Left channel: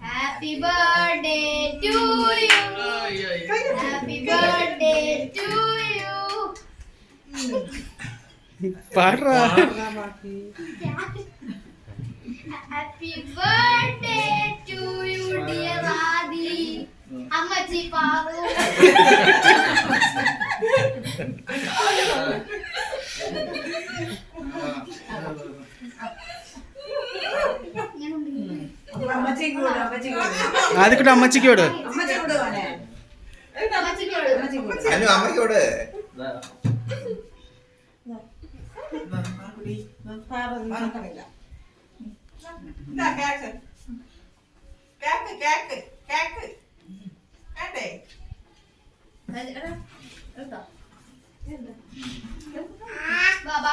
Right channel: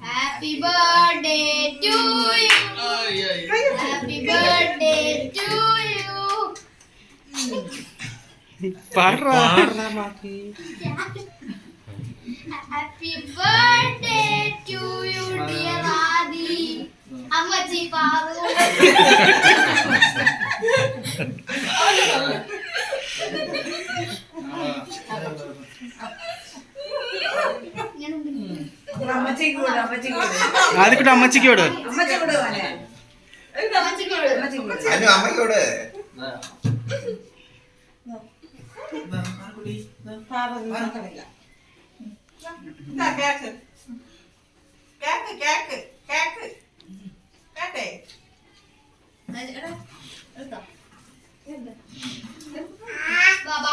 Happy birthday to you. Happy birthday to you. പാടാ. Happy birthday to you, dear Adi. അമ്മച്ചി പാറു. ആദ്യക്കൂടെ അമ്മച്ചിക്കോട് അമ്മയ്ക്കോട് ബാബാ